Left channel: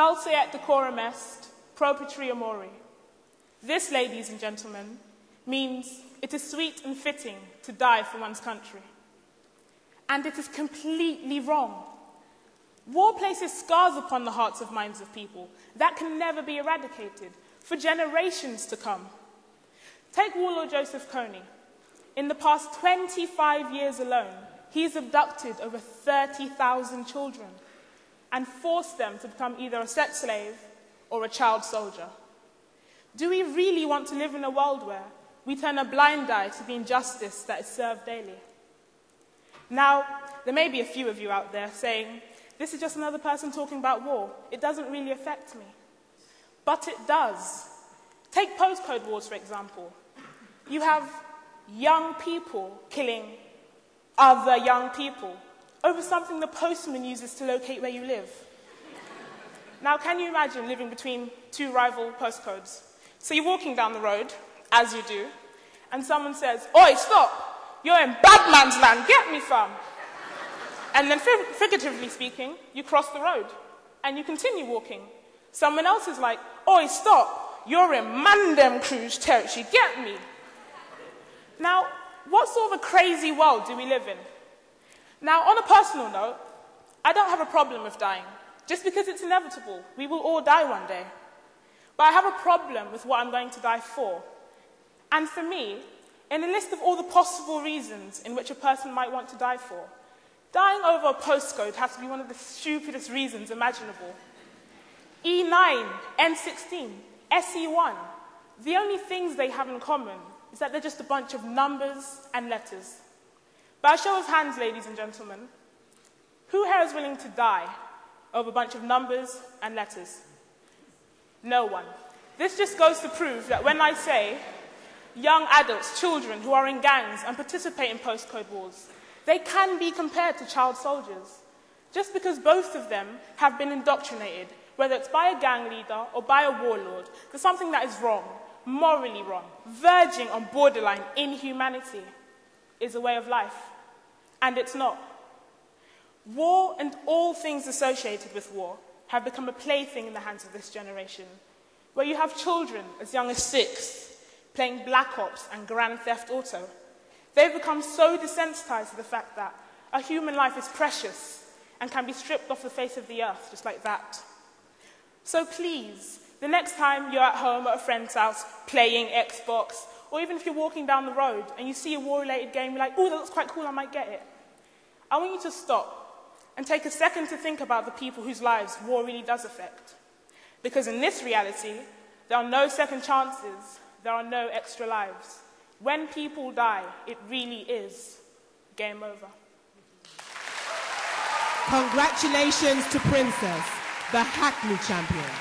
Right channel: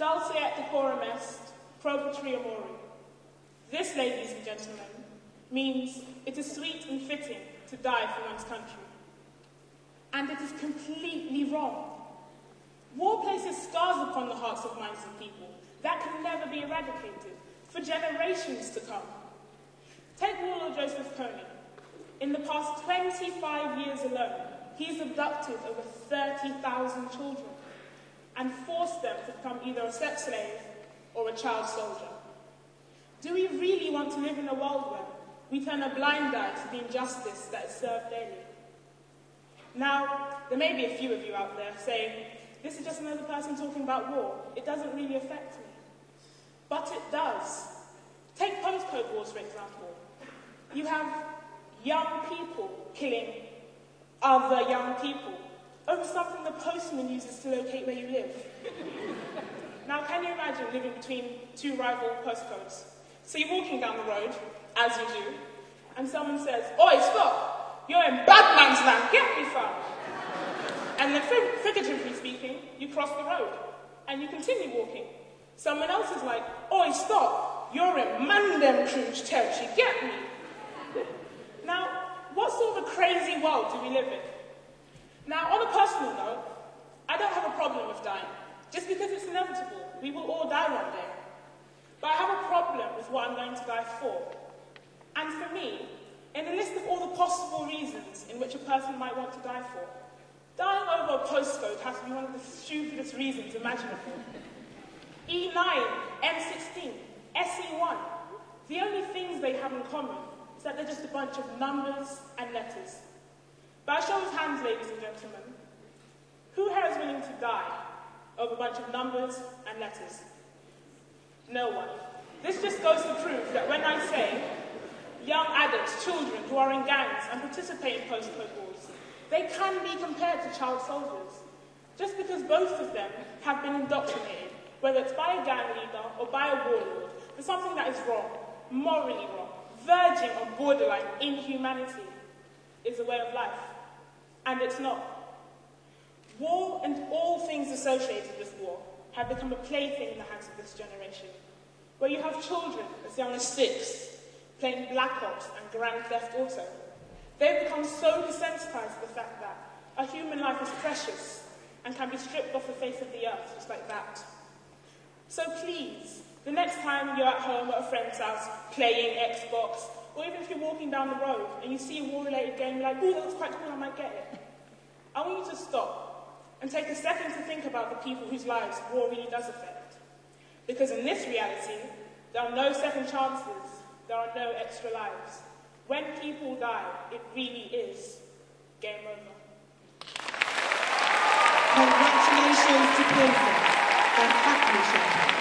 Dulce et decorum est, pro patria mori. This, ladies and gentlemen, means it is sweet and fitting to die for one's country. And it is completely wrong. War places scars upon the hearts and minds of people that can never be eradicated for generations to come. Take Warlord Joseph Kony. In the past 25 years alone, he's abducted over 30,000 children and forced them to become either a sex slave or a child soldier. Do we really want to live in a world where we turn a blind eye to the injustice that is served daily? Now, there may be a few of you out there saying, this is just another person talking about war. It doesn't really affect me. But it does. Take postcode wars, for example. You have young people killing other young people over something the postman uses to locate where you live. Now, can you imagine living between two rival postcodes? So you're walking down the road, as you do, and someone says, "Oi, stop! You're in bad man's land, get me fam!" And then, figuratively speaking, you cross the road, and you continue walking. Someone else is like, "Oi, stop! You're in Mandem Cruise territory, get me!" Now, what sort of a crazy world do we live in? Now, on a personal note, I don't have a problem with dying, just because it's inevitable. We will all die one day. But I have a problem with what I'm going to die for. And for me, in a list of all the possible reasons in which a person might want to die for, dying over a postcode has to be one of the stupidest reasons imaginable. E9, N16, SE1, the only things they have in common is that they're just a bunch of numbers and letters. By a show of hands, ladies and gentlemen, who here is willing to die over a bunch of numbers and letters? No one. This just goes to prove that when I say young adults, children who are in gangs and participate in postcode wars, they can be compared to child soldiers, just because both of them have been indoctrinated, whether it's by a gang leader or by a warlord, for something that is wrong, morally wrong, verging on borderline inhumanity, is a way of life. And it's not. War and all things associated with war have become a plaything in the hands of this generation, where you have children as young as 6 playing Black Ops and Grand Theft Auto. They've become so desensitized to the fact that a human life is precious and can be stripped off the face of the earth just like that. So please, the next time you're at home at a friend's house playing Xbox, or even if you're walking down the road and you see a war-related game, you're like, "Ooh, that looks quite cool, I might get it." I want you to stop and take a second to think about the people whose lives war really does affect. Because in this reality, there are no second chances, there are no extra lives. When people die, it really is game over. Congratulations to Princess, the Hackney champion.